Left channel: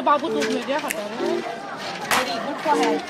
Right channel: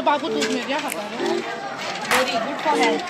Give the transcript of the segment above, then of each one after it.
तुझो बाबू दूध में क्या खाता है? Very good for health.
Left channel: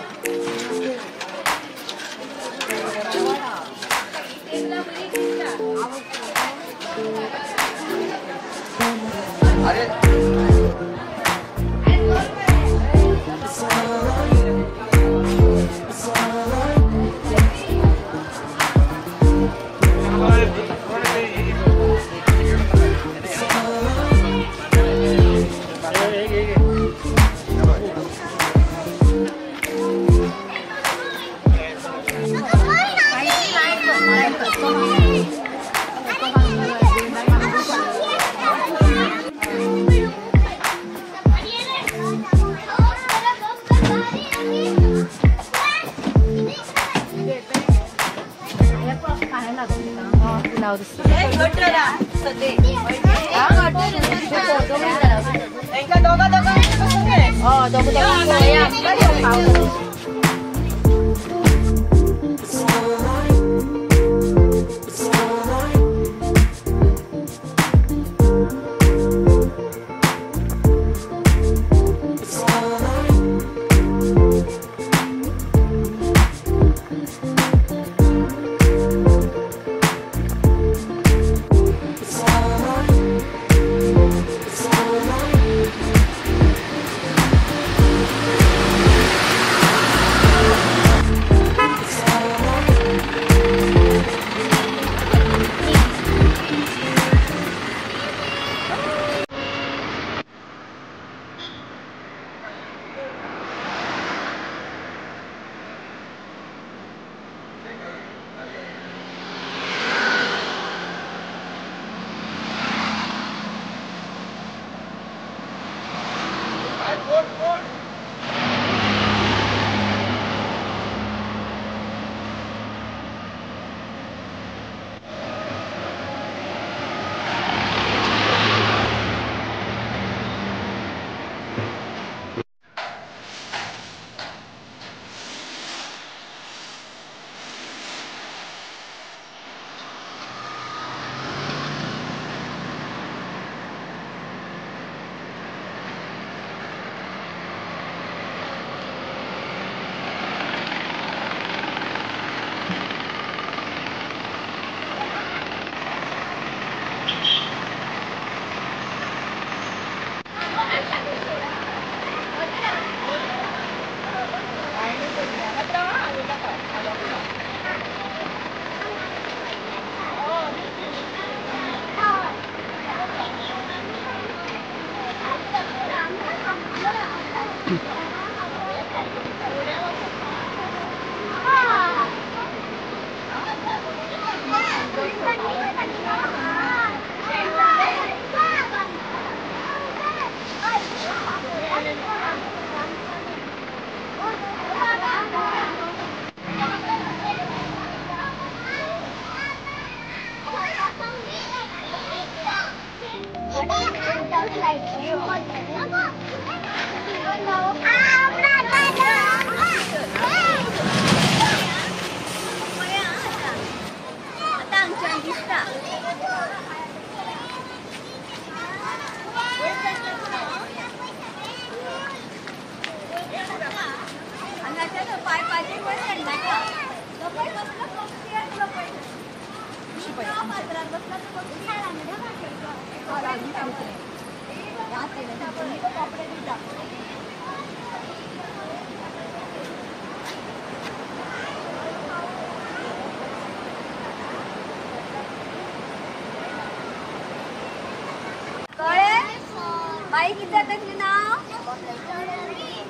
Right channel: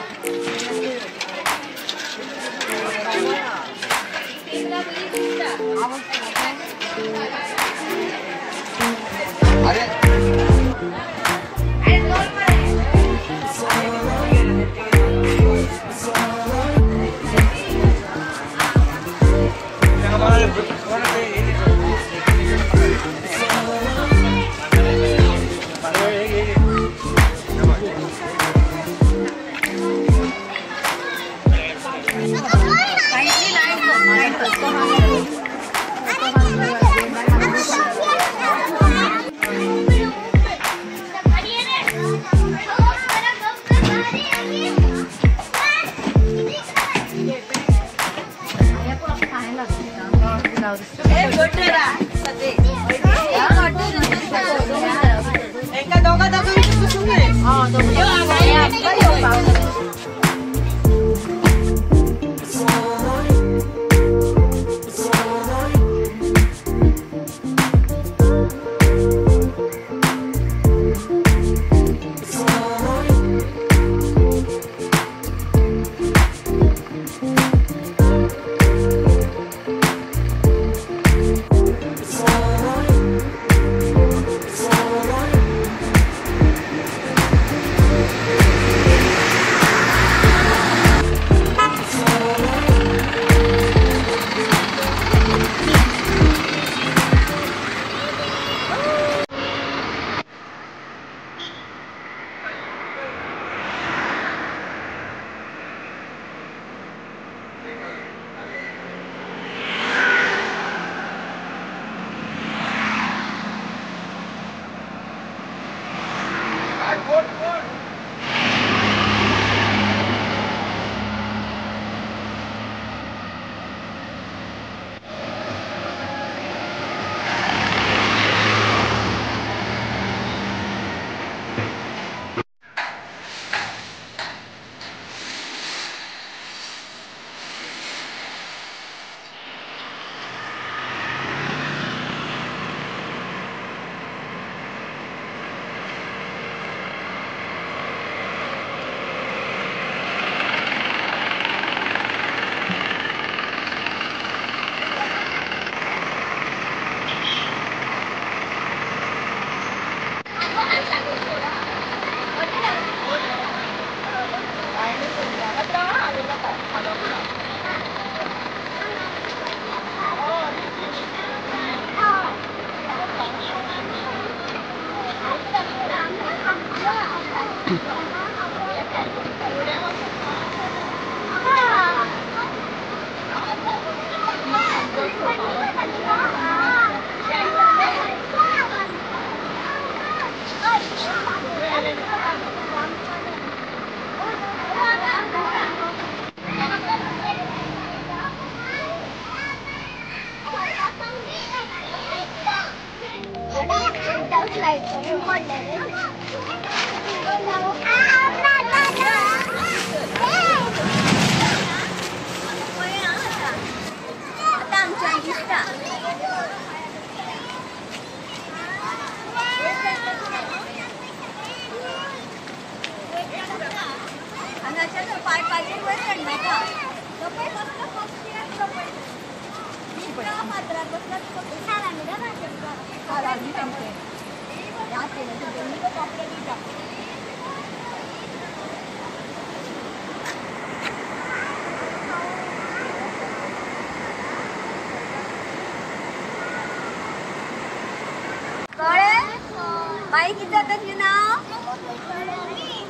बाई किती जातं तुझं नाव?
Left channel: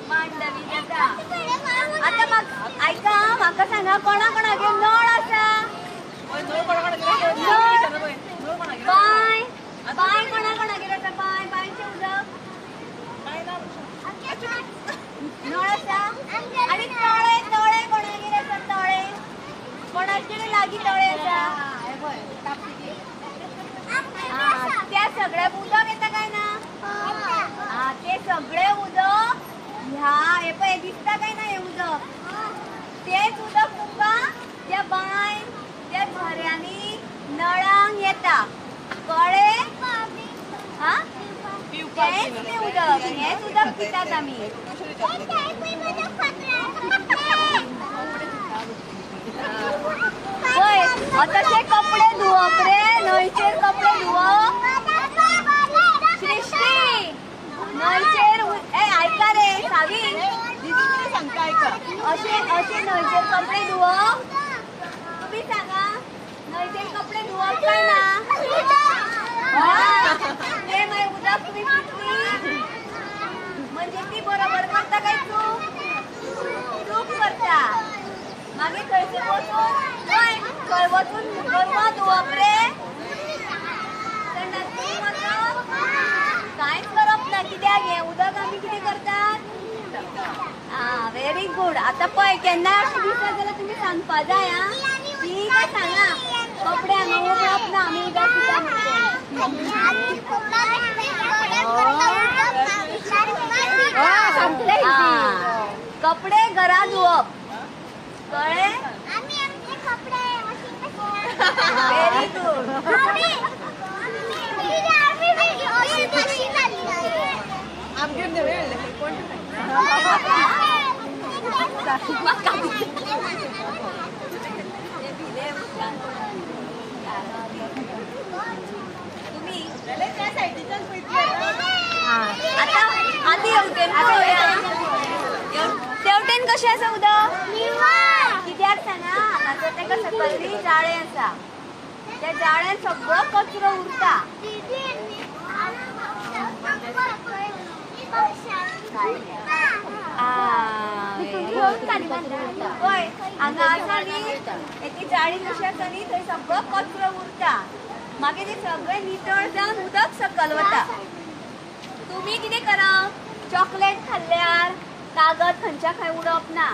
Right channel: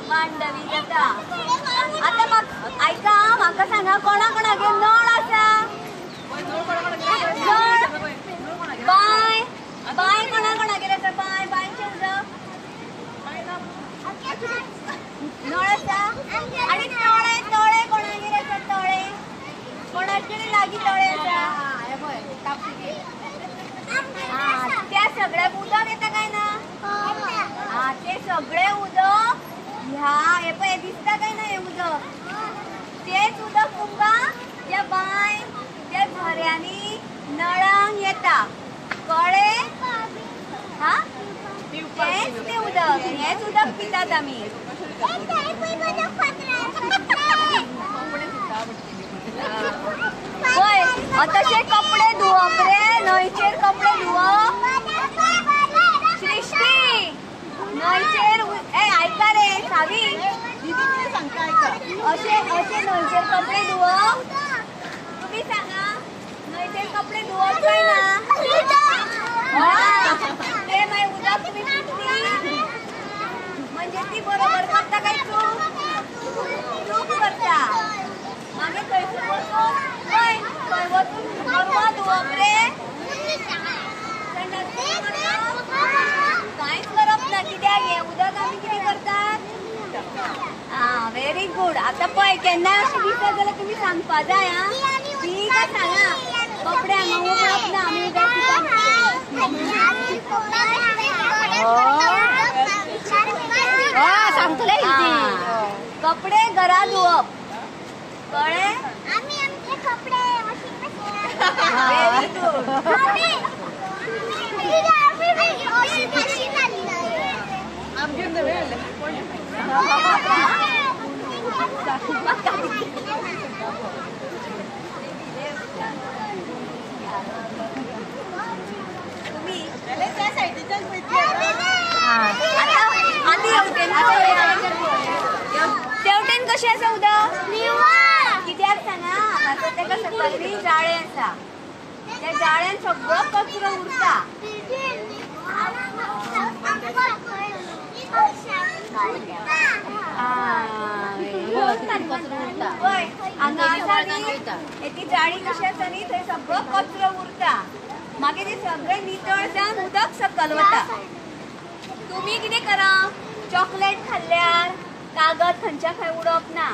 मांडवी जाता. आता मग ऐका माका सांगा कोणा कोणागे नळ आसा? नळ बाय बाय कोणा कोणागे आसा? बाय बायचे नळ आसा आणि तळे तळे कोणागे आसा? तळे कोणाचे लागीं तळे आसा? त्या सगळ्या उदक येता काय ना? ते सगळे उदक ह्या हे पळय दिसता काय ना हे उदक तेच उदक तुमका त्या बाय त्या झऱ्यांनी नळांक येता कळ्ळे? हा तेच ते उदक, हेच उदक पितात आम्ही. होय, तसे कपडे धुवप रे, न्हंयचेर कपडे धुवप. सृष्टी, न्हंयचेर ऐका रे सावी, असे न्हंयचेर कपडे धुवप. तुम्ही सांगा, न्हंयचेर कपडे धुवप काय ना? ते मागीर उदक तुम्ही पितली म्हणजे ती बरोबर करता काय चूक करता. मागीर थंयसर वचून थंय वचून गोरवां धुवप रे. कांयच करप ना. कित्याक हें उदक आमी कितें करतात? Very good. आता पळय केन्ना दिसत जाल्यार तुमी सांगपा जाय. ठीक आहे, सांगा. कपडे हांगा उगडप ना, आमी उदक पिता कपडे घरा धुवप. कळ्ळे? Very good. तुम्ही त्या साईडच्याच तेवटेन कशें आसा उदक? कित्याक सांगा, आता तेका सकयली जाळें आसा. त्या जाळ्यान सगळो कचरो उरता. हांगा आसा न्ही, ती जाळी कशी आसा न्ही, थंय सगळो कचरो उरता. मागीर ते सगळे नितळ जावन उदक सकयल वता. तुम्ही कितें करप? चॉकलेट खाल्ल्यार कागद खंयच्या खंय उडोवप ना.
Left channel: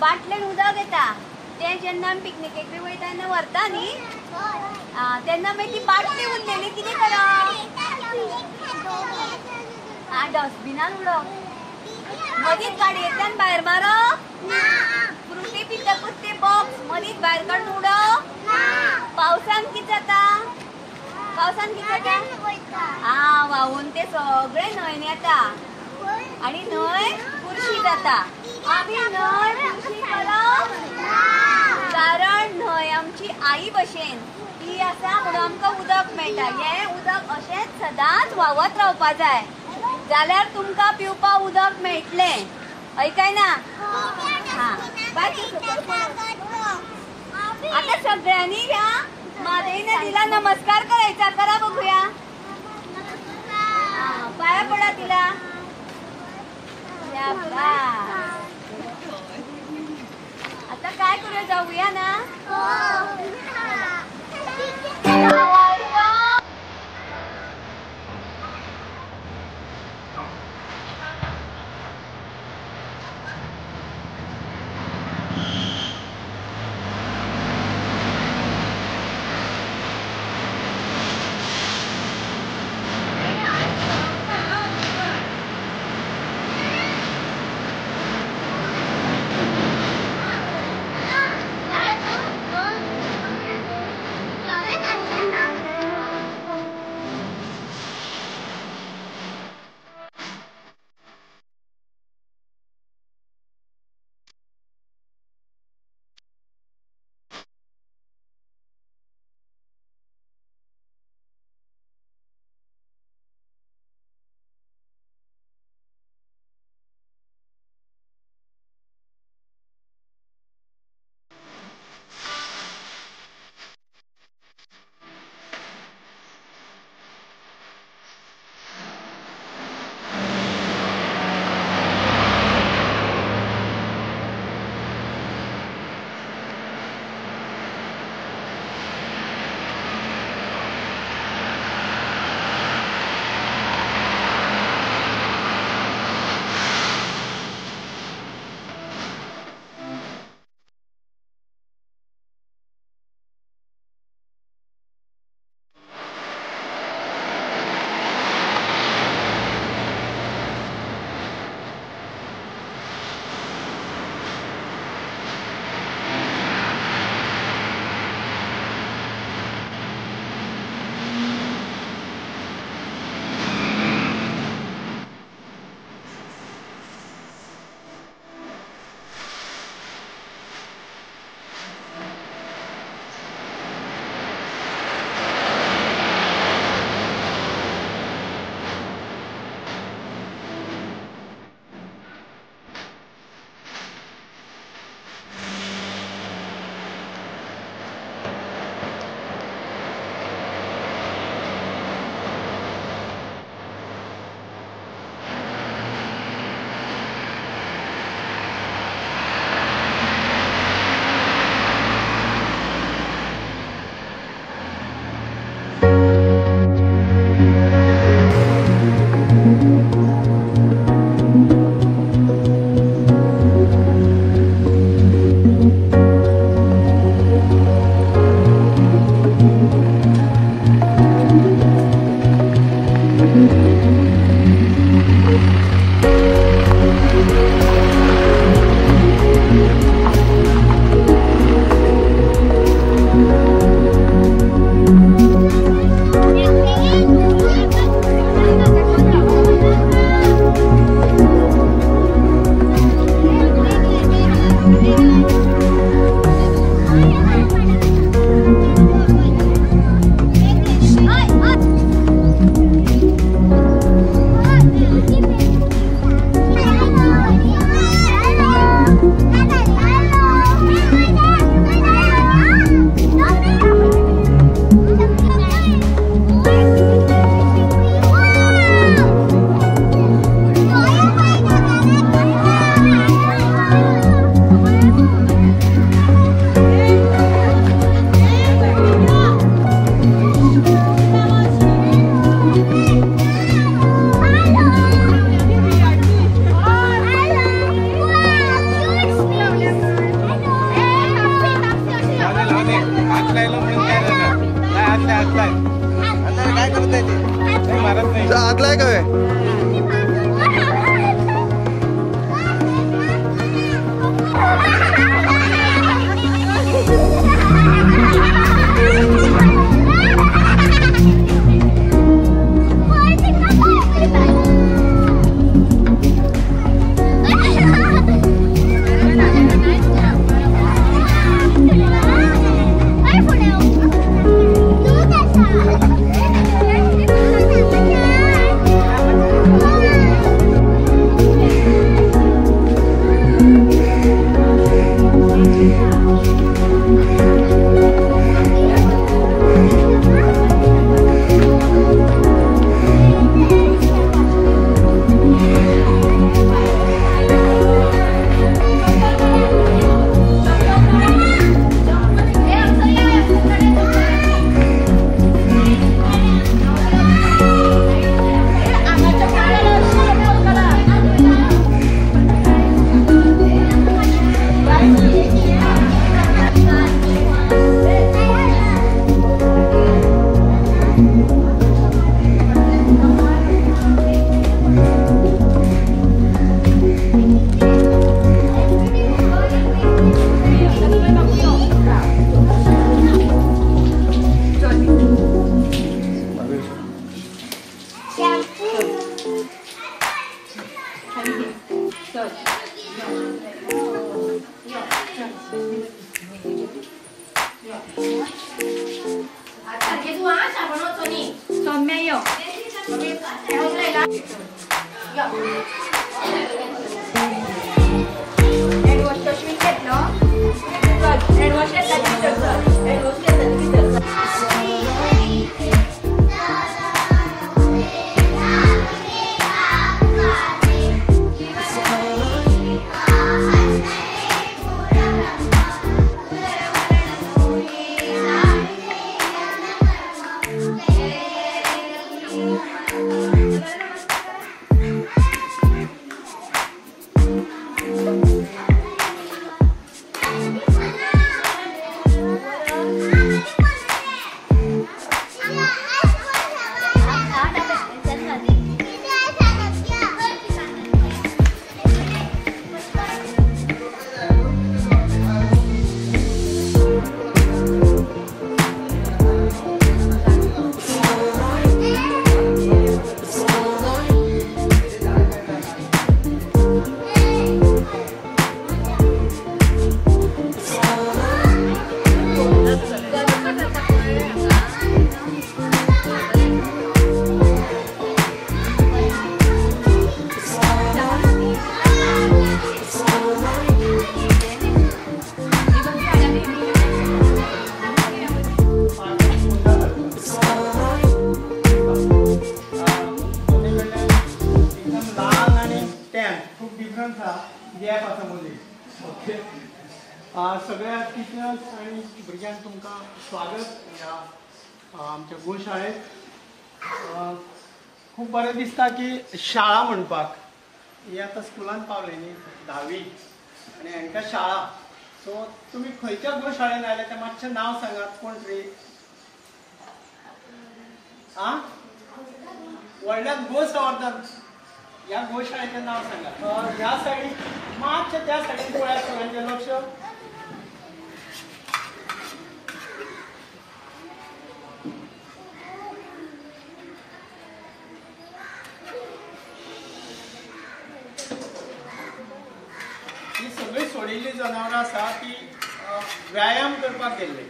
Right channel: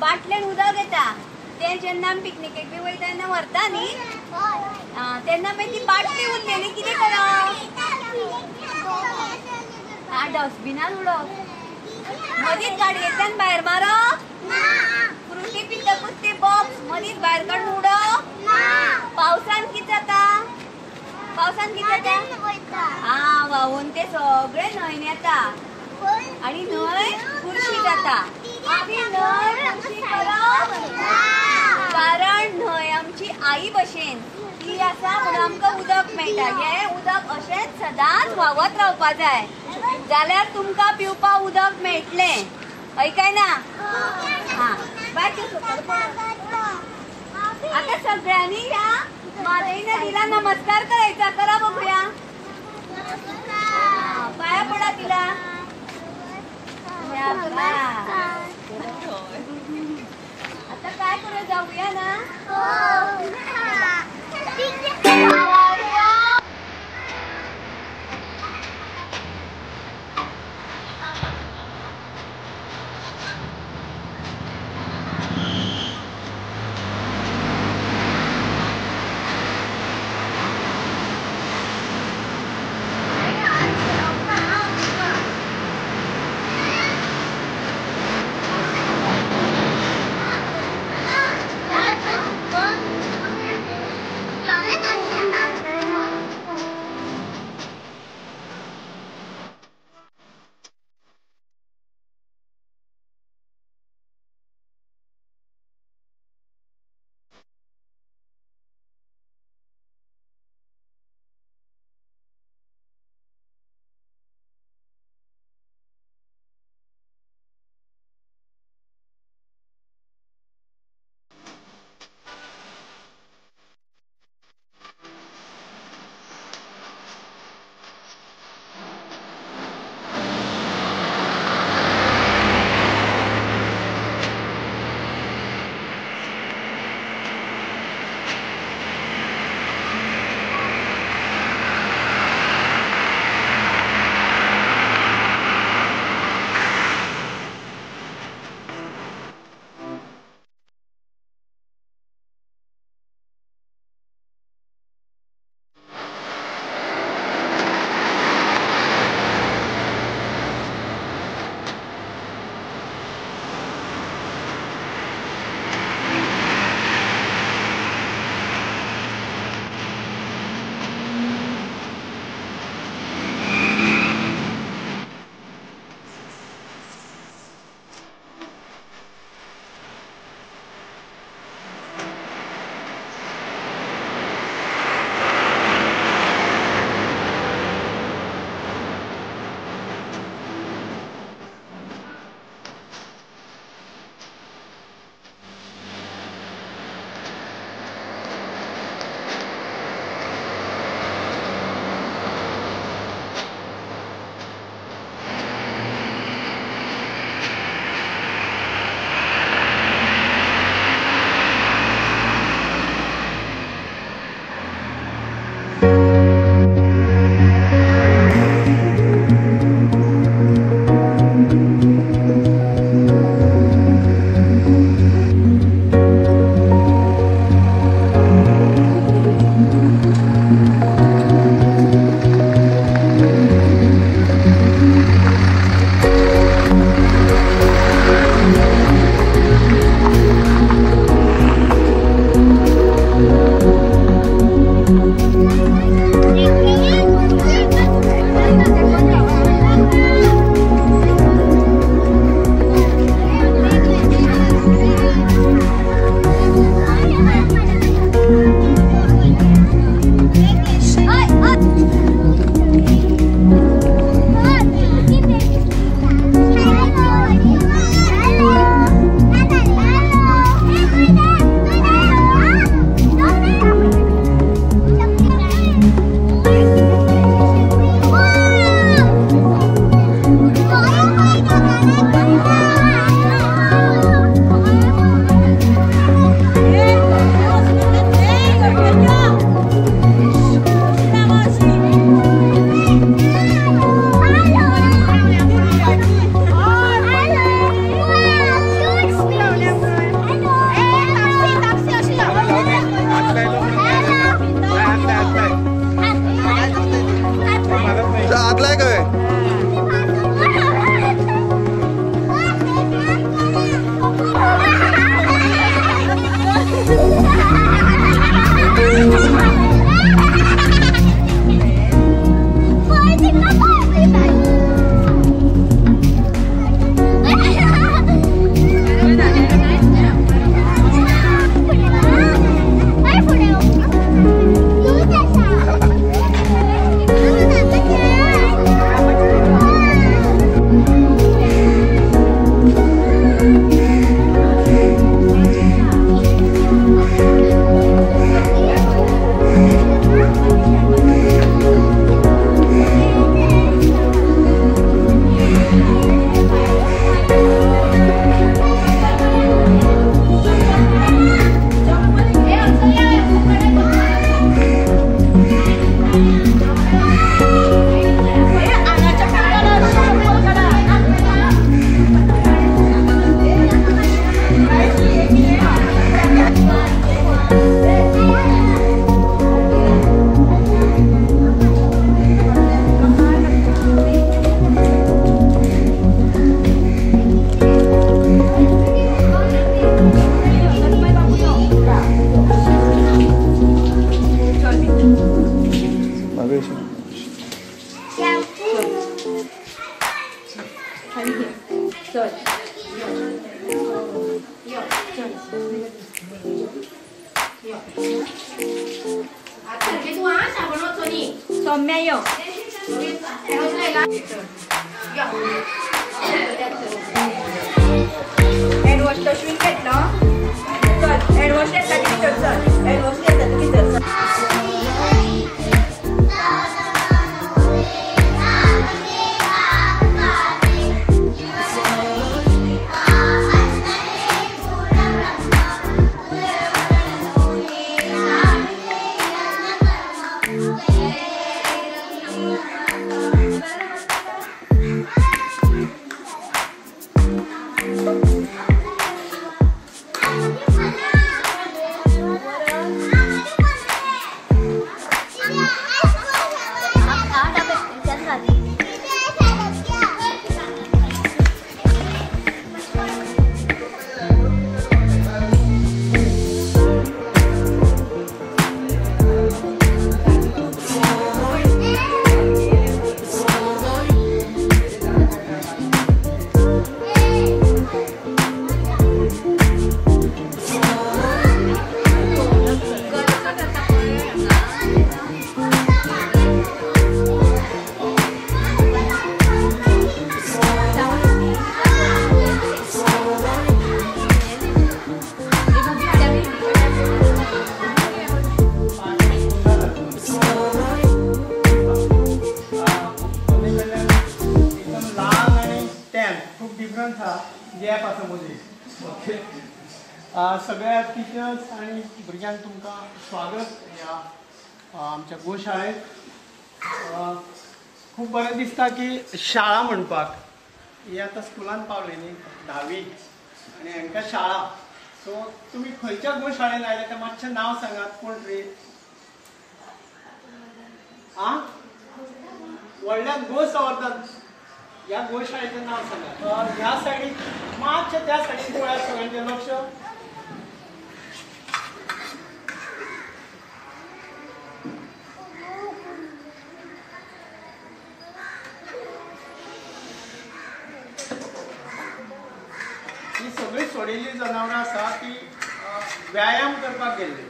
बाटलेन उदक येता, ते जेन्ना आमी पिकनिकेक बी वयता तेन्ना व्हरता न्ही, तेन्ना मागीर ती बाटली उरलेली कितें करप? डस्टबिनान उडोवप. मदींच गाडयेंतल्यान भायर मारप. फ्रुटी पितकूच ते बॉक्स मदींच भायर काडून उडोवप. पावसान कितें जाता? व्हांवून ते सगळे न्हंयन येता आनी न्हंय बुरशी जाता. आमी न्हंय बुरशी करप कारण न्हंय आमची आई भशेन ती आसा म्हणून आमकां उदक मेळटा. हें उदक अशेंच सदांच व्हांवत रावपा जाय, जाल्यार तुमकां पिवपा उदक मेळटलें. ऐकाय ना? बाय ते सकयल पळय. आता सगळ्यांनी या मादई नदीला नमस्कार करायचा. करा बघूया. पाया पडा तिला. आता काय करूया, जाऊया ना? हातलाय काय सौम्या यो हँडवॉश अश्विन घेतलं चल हँडवॉश घेतला की चल हँडवॉश घेतला की चल सगळ्या टिचर्स आणि भुरग्यांक तुमकां स्वागत या आमच्या गोशाळेत. खूब बरें दिसता की शाळा म्हणपाक ही आतां स्कुलान पावली न्ही 10वी आनी हांकां शाळा. सो तुमी खंयच्या गोशाळेन आयले तें मातशें नांव सांगात. कोण रे? व्हडल्यान गोसंवर्धन ह्या गोशाळेचें नांव सांगात. ह्या सायडीक मातशें त्या सायडीक पळयात सगळ्यांचें लक्ष. ही सगळी सोडिल्ली जनावरां आसा ती व्यायाम करपाक गेल्ली.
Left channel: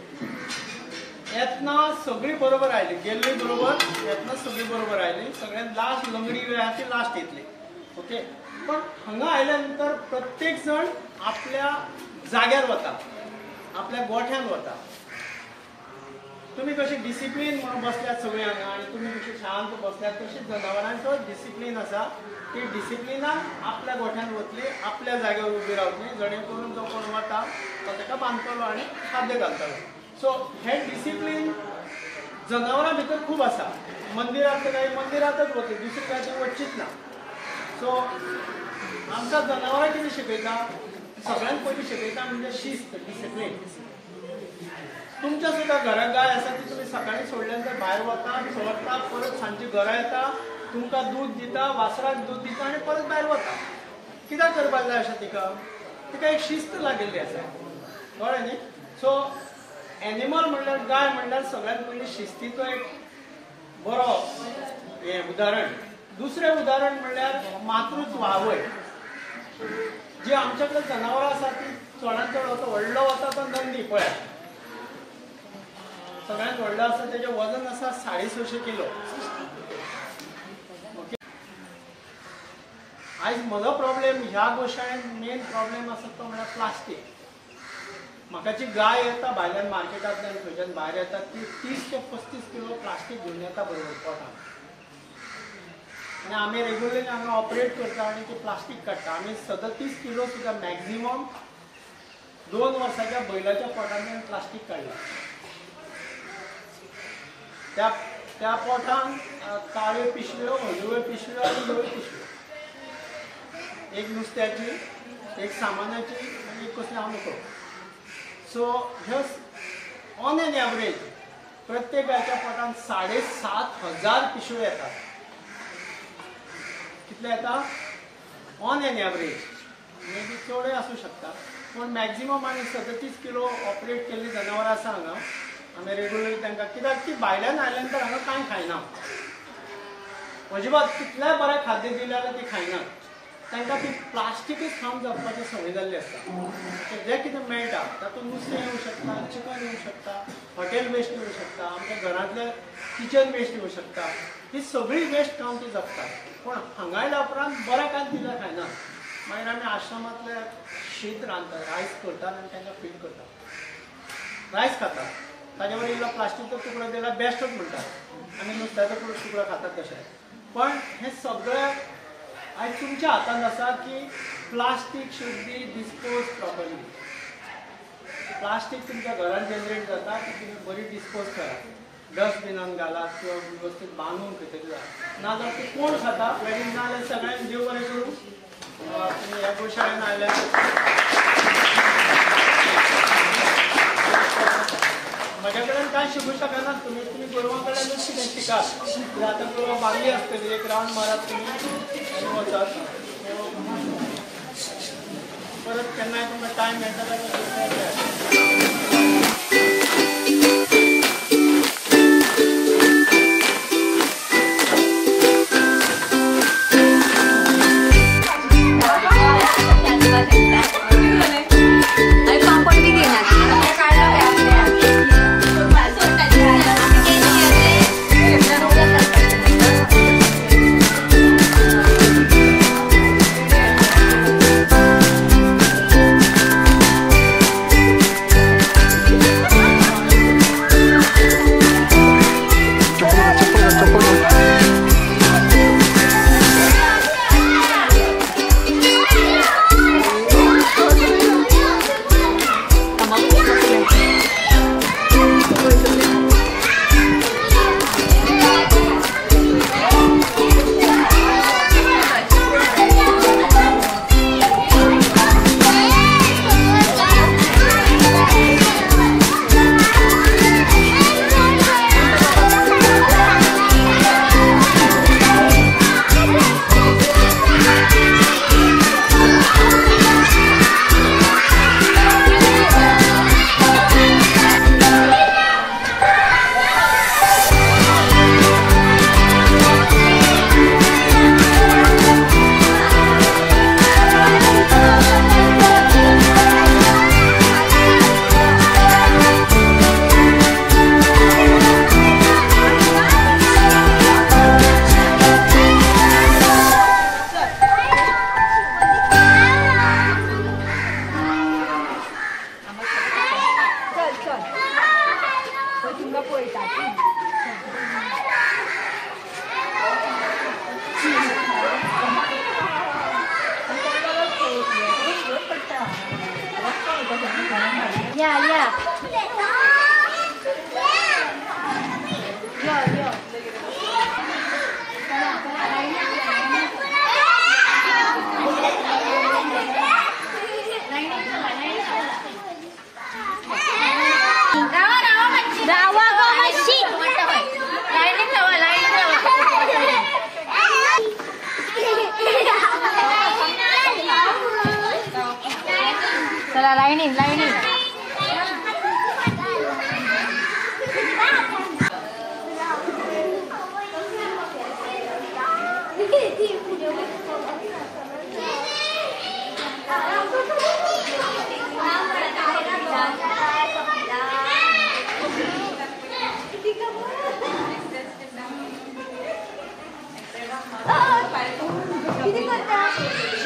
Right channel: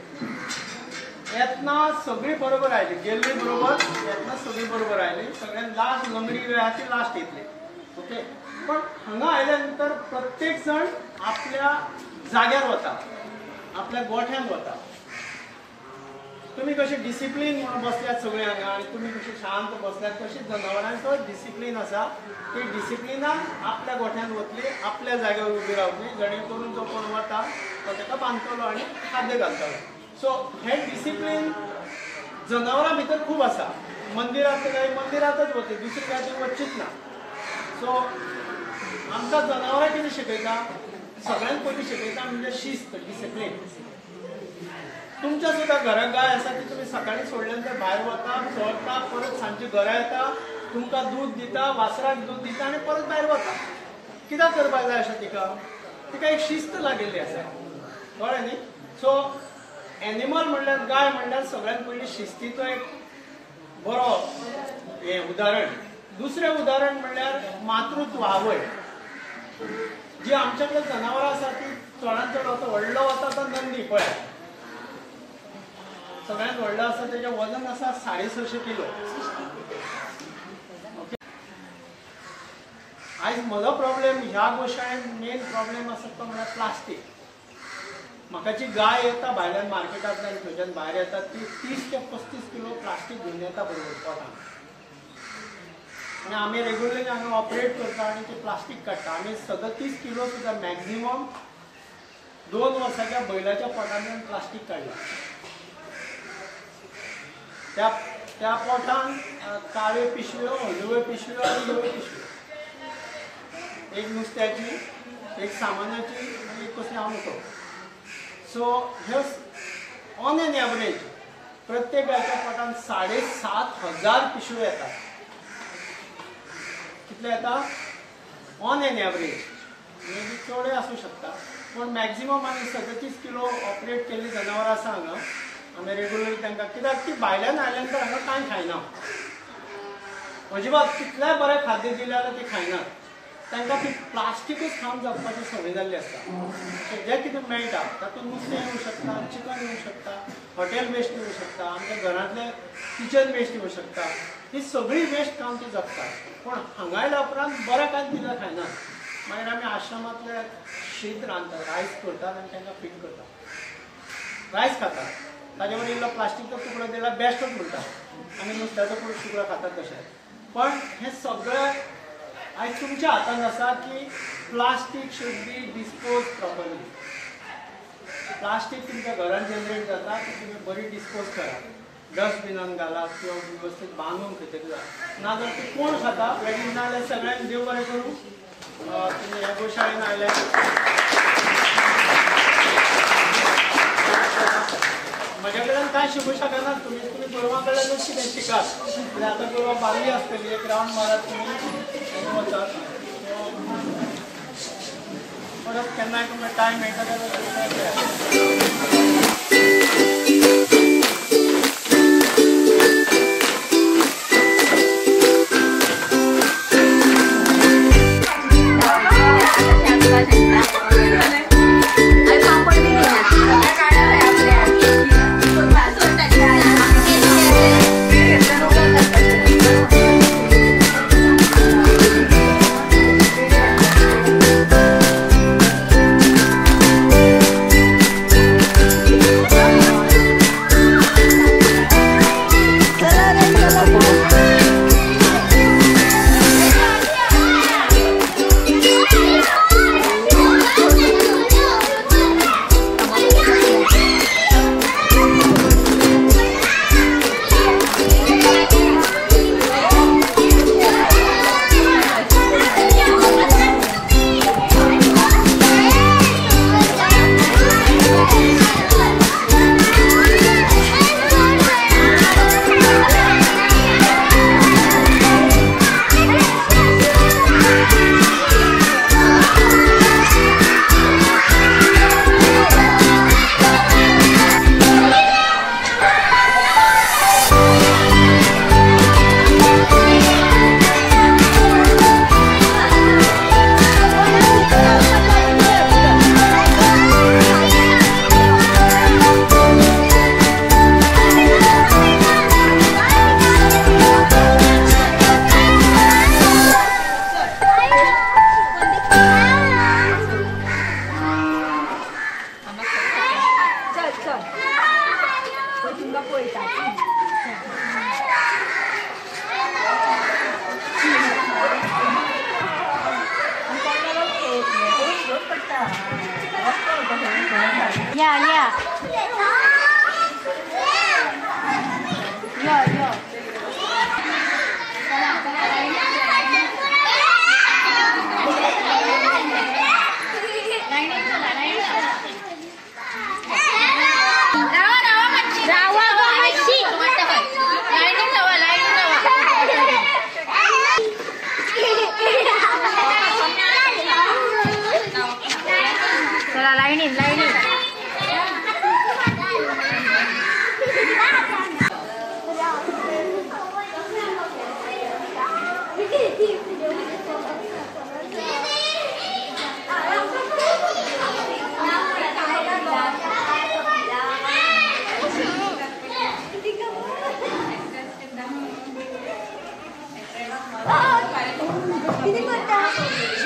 येतना सगळी बरोबर आयली, गेल्ली बरोबर, येतना सगळी बरोबर आयली. सगळ्यात लास्ट लंगडी वेळा ती लास्ट येतली. ओके. पण हांगा आयल्या नंतर प्रत्येक जण आपल्या जाग्यार वता, आपल्या गोठ्यान वता. तुम्ही कशे डिसिप्लीन म्हणून बसल्यात सगळे हांगा आनी तुम्ही कशे शांत बसल्यात तशी जनावरांचो डिसिप्लीन आसा. ती डिसिप्लिनान आपल्या गोठ्यान वतली, आपल्या जाग्यार उबी रावतली, जणे करून जो कोण वता तो ताका बांदतलो आनी खाद्य घालतलो. सो हे डिसिप्लीन जनावरां भितर खूब आसा. मंदिरांत काय मंदिरांतच वतली, दुसरी काय ती वचचीच ना. सो आमकां जनावरां कितें शिकयता? सगळ्यांत पयलीं शिकयता म्हणजे शिस्त, डिसिप्लीन. तुमच्या सुद्धा घरात गाय आसा ती तुम्ही सकाळी सोडल्यानंतर भायर वता, चोरता, परत सांजची घरा येता तुमकां दूध दिता, वासराक दूध दिता आनी परत भायर वता. कित्याक करपाक जाय अशें तिका एक शिस्त लागिल्ली आसा, कळ्ळें न्ही. सो एनिमल म्हणल्यार गाय म्हणल्यार सगळ्यांत पयलीं शिस्तीचो एक बरो हें उदाहरण. दुसरें उदाहरण म्हणल्यार मातृत्व आवय. जी आमच्या कडेन जनावरां आसा ती चडांत चड वता, व्हडलो वता तो नंदी पळय, सगळ्यांत व्हडलो आसा तेजें वजन आसा 650 किलो. आयज म्हजो प्रॉब्लेम ह्या गोशाळेंत मेन प्रॉब्लेम आसा तो म्हणल्यार प्लास्टीक. म्हाका जी गाय येता भायल्यान मार्केटांतल्यान खंयच्यान भायर येता ती 30 ते 35 किलो प्लास्टीक घेवन येता बरोबर पोटान. आनी आमी रेग्युलरली हांगा ऑपरेट करता आनी ती प्लास्टीक काडटा. आमी 37 किलो सुद्दां मॅक्झिमम 2 वर्साच्या बैलाच्या पोटांतल्यान प्लास्टीक काडला. त्या पोटान काळ्यो पिशव्यो, हळदुव्यो पिशव्यो आनी हिरव्यो पिशव्यो, एक नुस्त्याची, एक सामानाची आनी एक कसली हांव नको. सो हे ऑन एन एवरेज प्रत्येक गायच्या पोटान 7,500 पिशव्यो येतात. कितले येता on an average, maybe चडय आसूं शकता, पूण मॅक्झिमम आमी 37 किलो ऑपरेट केल्ली जनावरां आसा हांगा. आमी रेग्युलरली तांकां, कित्याक ती भायल्यान आयल्यान तर हांगा कांय खायना, अजिबात कितलेंय बरें खाद्य दिलें जाल्यार ती खायनात. तांकां ती प्लास्टीकूच खावन जगपाची संवय जाल्ली आसता. जें कितें मेळटा तातूंत नुस्तें येवं शकता, चिकन येवं शकता, हॉटेल वेस्ट येवं शकता, आमच्या घरांतले किचन वेस्ट येवं शकता. ही सगळी वेस्ट खावन ती जगतात. पूण हांगा आयल्या उपरांत बरें कांय दिल्यार खायनात. मागीर आमी आश्रमांतले शीत रांदतात, रायस करतात आनी तांकां फीड करतात, रायस खातात. ताजे वयर इल्लो प्लास्टीकचो तुकडो दिल्यार बेस्टूच म्हणटात. आमी नुस्त्याचो तुकडो खातात तशें. पण हें सगळें आयज तुमच्या हातांत आसा की plastic should be dispose properly. Plastic तुमच्या घरांत जनरेट जाता ती तुमी बरी डिस्पोज करात, डस्टबिनान घालात किंवा वेवस्थीत बांदून खंय तरी घालात. नाजाल्यार ती कोण खाता वेगळी, नाजाल्यार सगळ्यांक देव बरें करूं. तुमी ह्या गोशाळेन आयल्यार म्हज्या कडेन कांय शिकूं शकनात तुमी गोरवां कडल्यानूच कितें शिकात. कित्याक आतां गोरवां बागली आसतली, एक रावंड मारात तुमी आनी वचात. परत केन्नाय तुमकां टायम मेळटा जाल्यार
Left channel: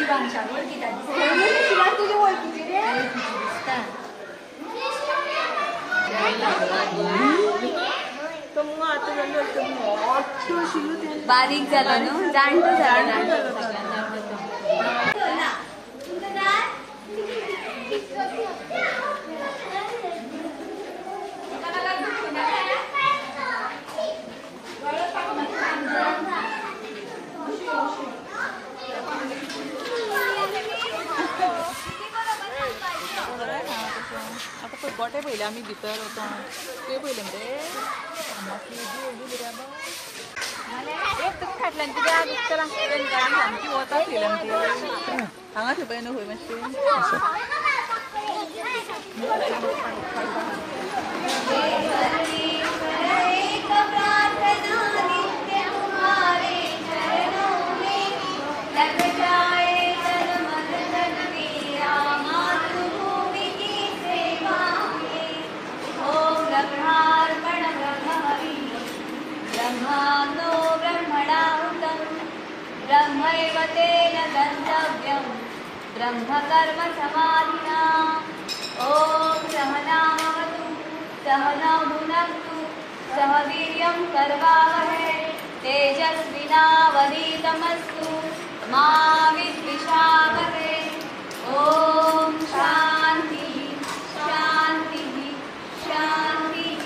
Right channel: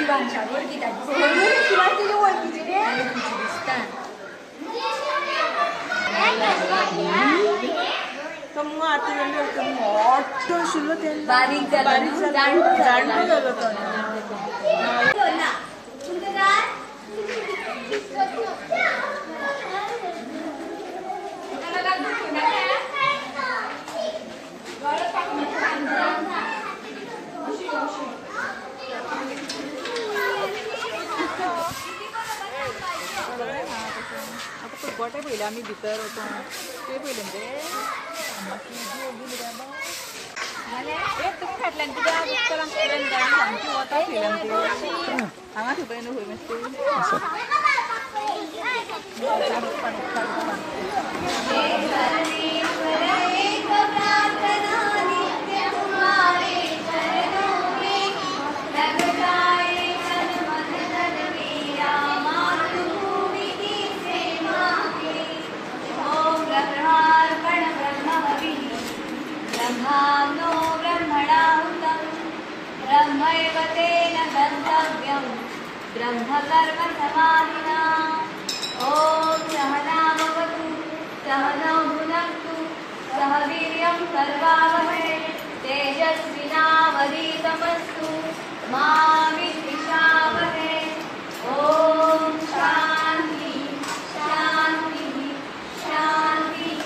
शिवांशाक वळखीता शिवान तुझे वळखीचे रे वळखीची दिसता तो मग आता गेलो मोठो आशिल्लो तेन्ना बारीक जाला न्हू जाणटो जाणटो जाला जालो तो ना तुमचं काय गोटे पयले आमी भितर वता ते पयले एक तुका फाटल्यान कित्याक उतरांक सामकी वता फिल्म हांगा थंय पळय न्हू मातशें ब्रह्मांडो ब्रह्मणाहुतं ब्रह्मैव तेन गन्तव्यं ब्रह्मकर्म समाधिना ॐ सहनावतु सहनौ भुनक्तु सह वीर्यं कर्वावहै तेजस्विनावधीतमस्तु मा विद्विषावहै ॐ शान्ति शान्ति शान्तिः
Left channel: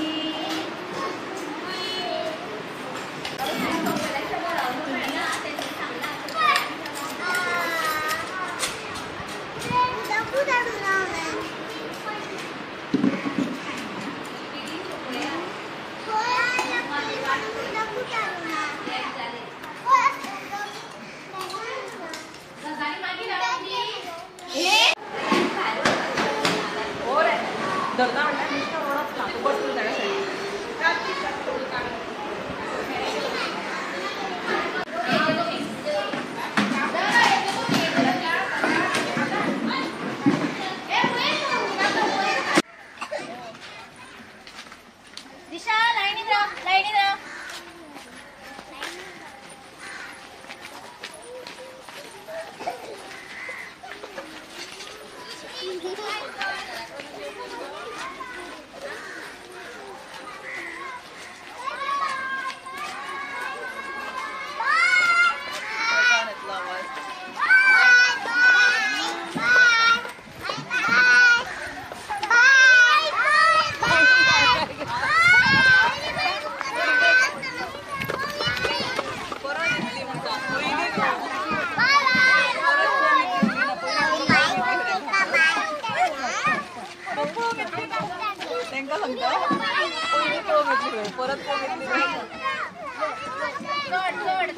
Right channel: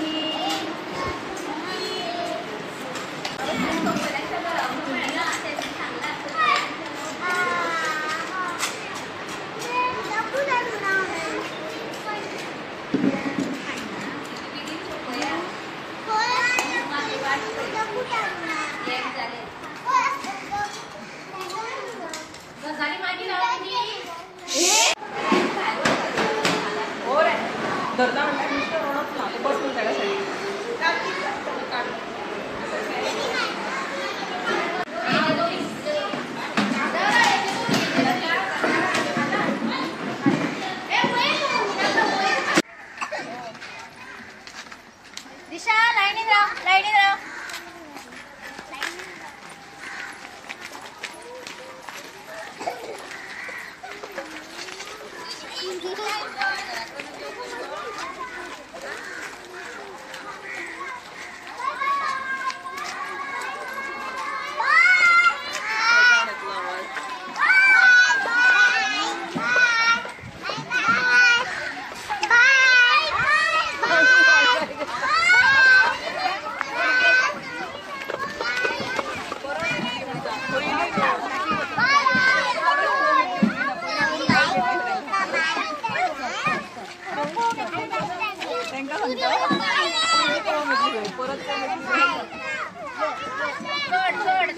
धरना म्हणल्यार नुस्तें रोडप ना तूं बसलो तेका सायडीन दिशा लाईनीत राहा लाईनीत राहा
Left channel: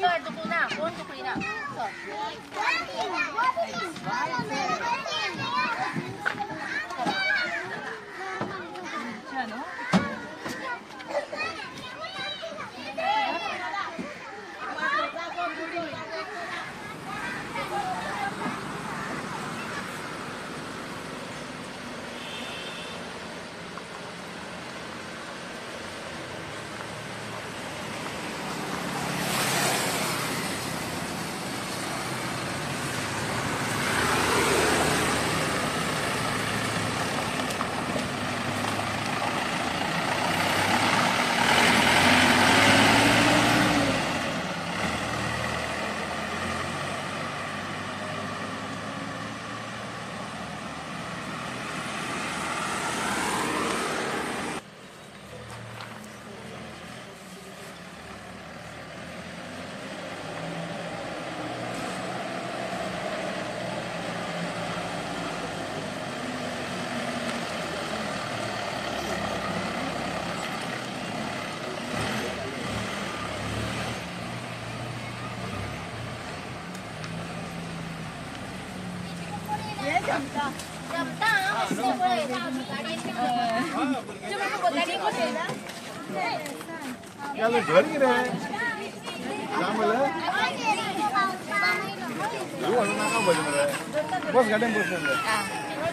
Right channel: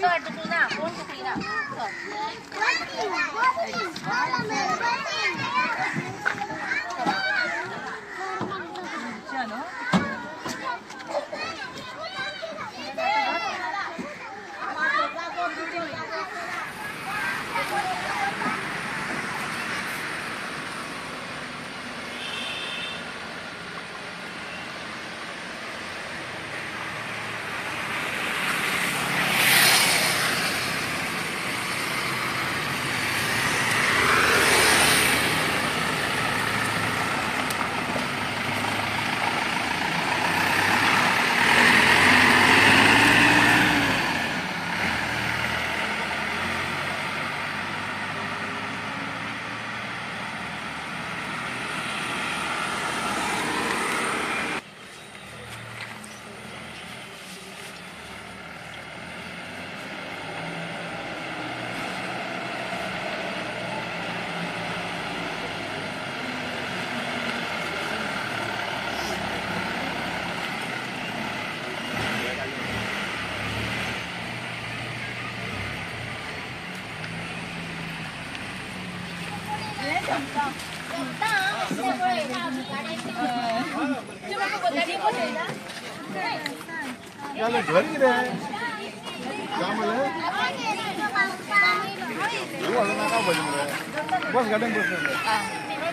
चढ तू ना कोण चुकली ना बस गार्डन बस